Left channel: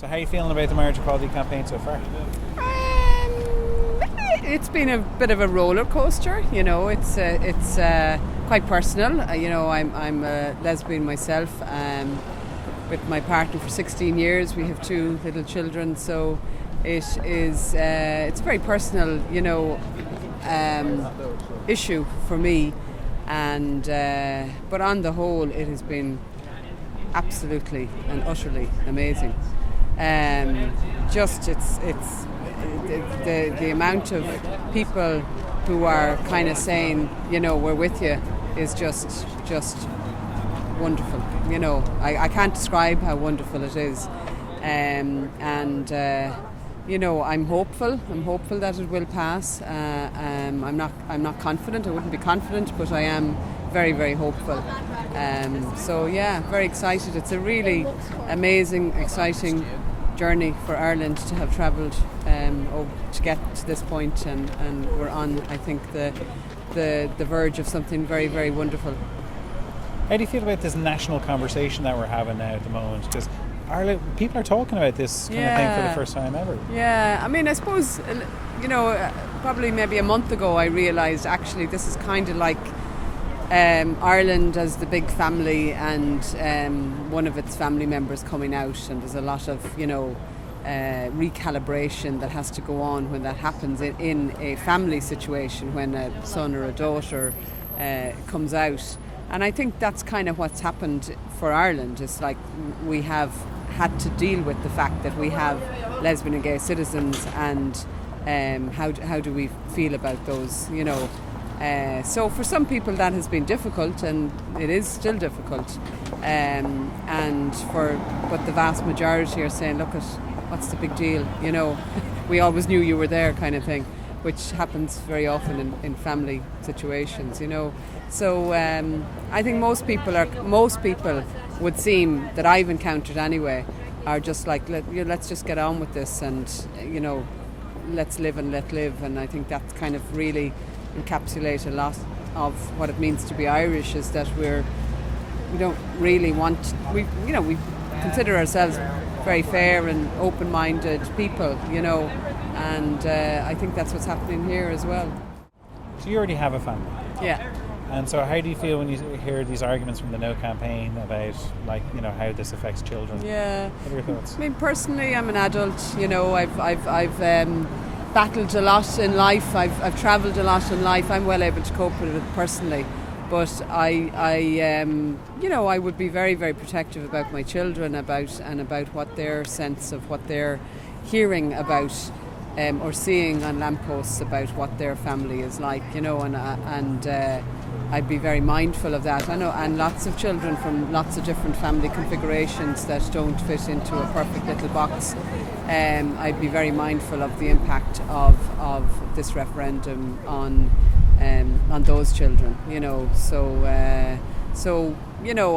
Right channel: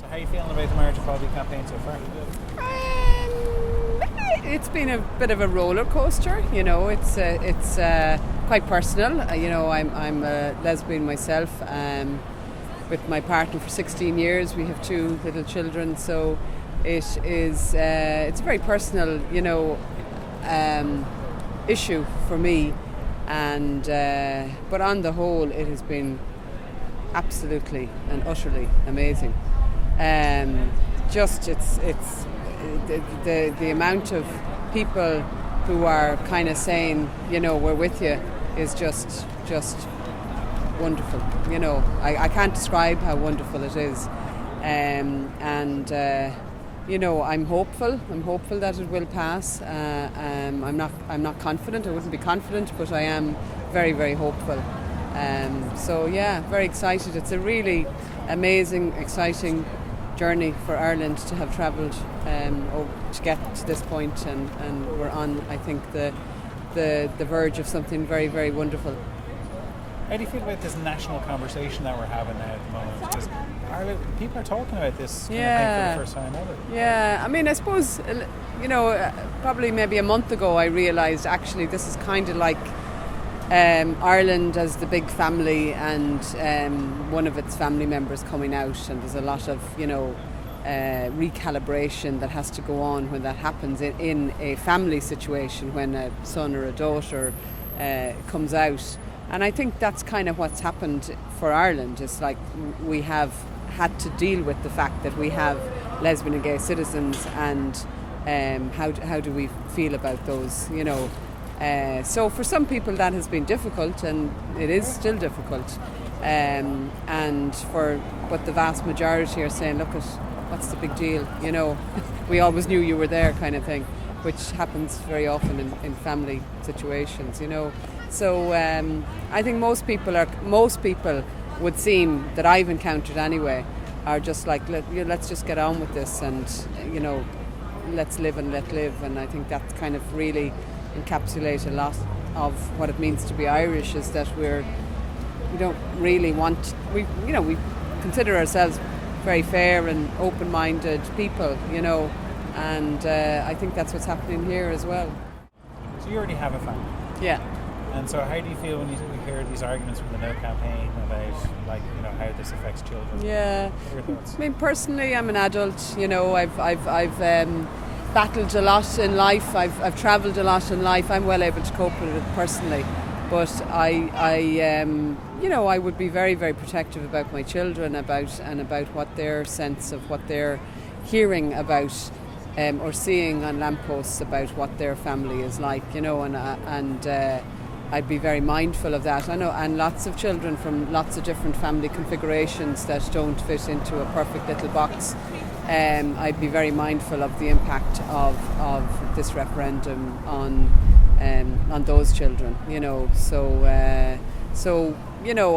So how are you feeling about the marriage equality campaign so far? It's been a bit of a roller coaster. It's quite personal. I'm a lesbian myself. With my partner for 16 years, we have 2 little children. So it's a very personal, issue for me. And but on the whole, it has been absolutely and utterly amazing. Just it's the amount of people who are kind of saying, we're with you, is just wonderful. I can't describe how wonderful it is. I'm hopeful. I'm hopeful that it will pass. I'm not confident. I wouldn't be confident, but I am very, very hopeful. Very excited. It's a really amazing, exciting journey for Ireland to have travelled to get to this point, and we're on, I think, the verge of something very, very wonderful. How do you feel about this national conversation that we're having now at the moment? Because Ireland, people are talking about this kind of thing for the first time ever. Yeah, I mean, I suppose, probably maybe a month ago I realised actually this is kind of like Ireland as the big family, and one of its family members coming out, and there's a lot of recalibration that has to go on when that happens in a family situation, when a son or a daughter comes out. And I think that's kind of what's happened for Ireland. It's like we have had to deal with the fact that we have lesbian and gay citizens, and how do we feel about those, So for some people that has been difficult, and it is still difficult. But the vast majority are saying, look, what's the big deal? We always knew you were there, kind of thing, which happens very often in family situations, So I think most people would seem, that I've encountered anyway, are just like, let's just get on with this, and let's live and let live. And I think that kind of really encapsulate a lot of what it means to be Irish, is that we don't really want, we consider ourselves very fair and open-minded people, and I think that's what's happening here as well. So you already have a family. Yeah. And so how do you feel when you hear these arguments from the No campaign about, how this affects children? Yeah. What are your thoughts? I mean, personally, I'm an adult. I've battled a lot in life. I've travelled a lot in life. I'm well able to cope with it personally. But I would be very, very protective about my children, about what their sense of what they're hearing about or seeing on lampposts about what their family is like, and I'd be very mindful of that. I know, and lots of children from lots of different family configurations that don't fit into a perfect little box. I'd be very mindful of the impact of this referendum on those children.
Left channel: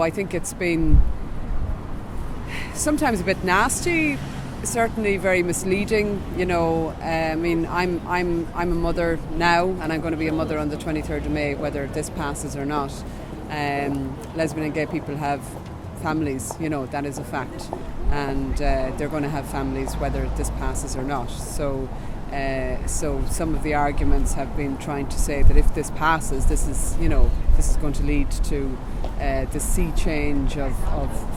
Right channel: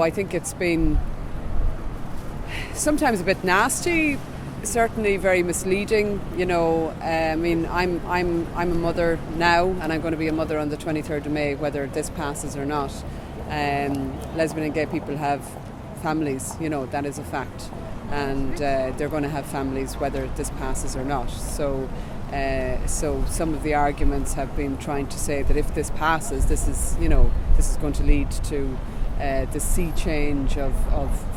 I think it's been sometimes a bit nasty, certainly very misleading. I mean, I'm a mother now, and I'm going to be a mother on the 23rd of May, whether this passes or not. Lesbian and gay people have families, that is a fact, and they're going to have families whether this passes or not. So some of the arguments have been trying to say that if this passes, this is going to lead to the sea change of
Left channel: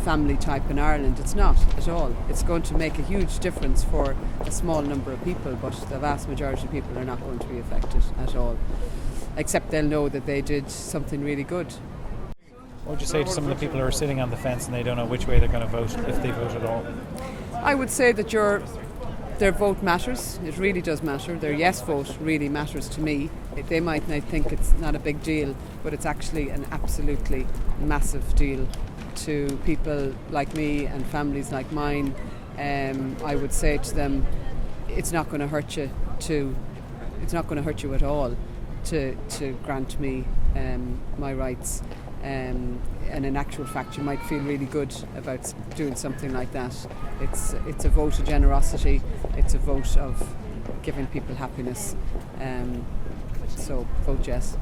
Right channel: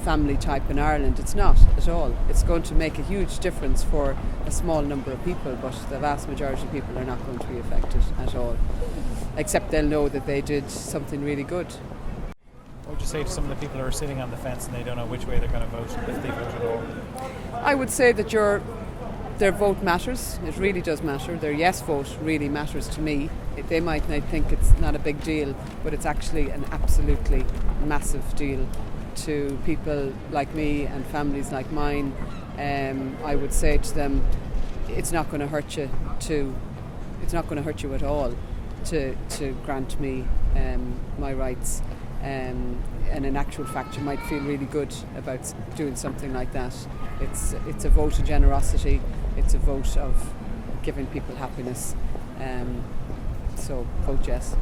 family type in Ireland. It's not at all. It's going to make a huge difference for a small number of people, but the vast majority of people are not going to be affected at all, except they'll know that they did something really good. What would you say to some of the people who are sitting on the fence and they don't know which way they're going to vote, if they vote at all? I would say that their vote matters. It really does matter. Their yes vote really matters to me. They might not think it's not a big deal, but it's actually an absolutely massive deal to people like me and families like mine. I would say to them, it's not going to hurt you at all to grant me my rights. And in actual fact, you might feel really good about doing something like that. It's a vote of generosity. It's a vote of giving people happiness. So vote yes.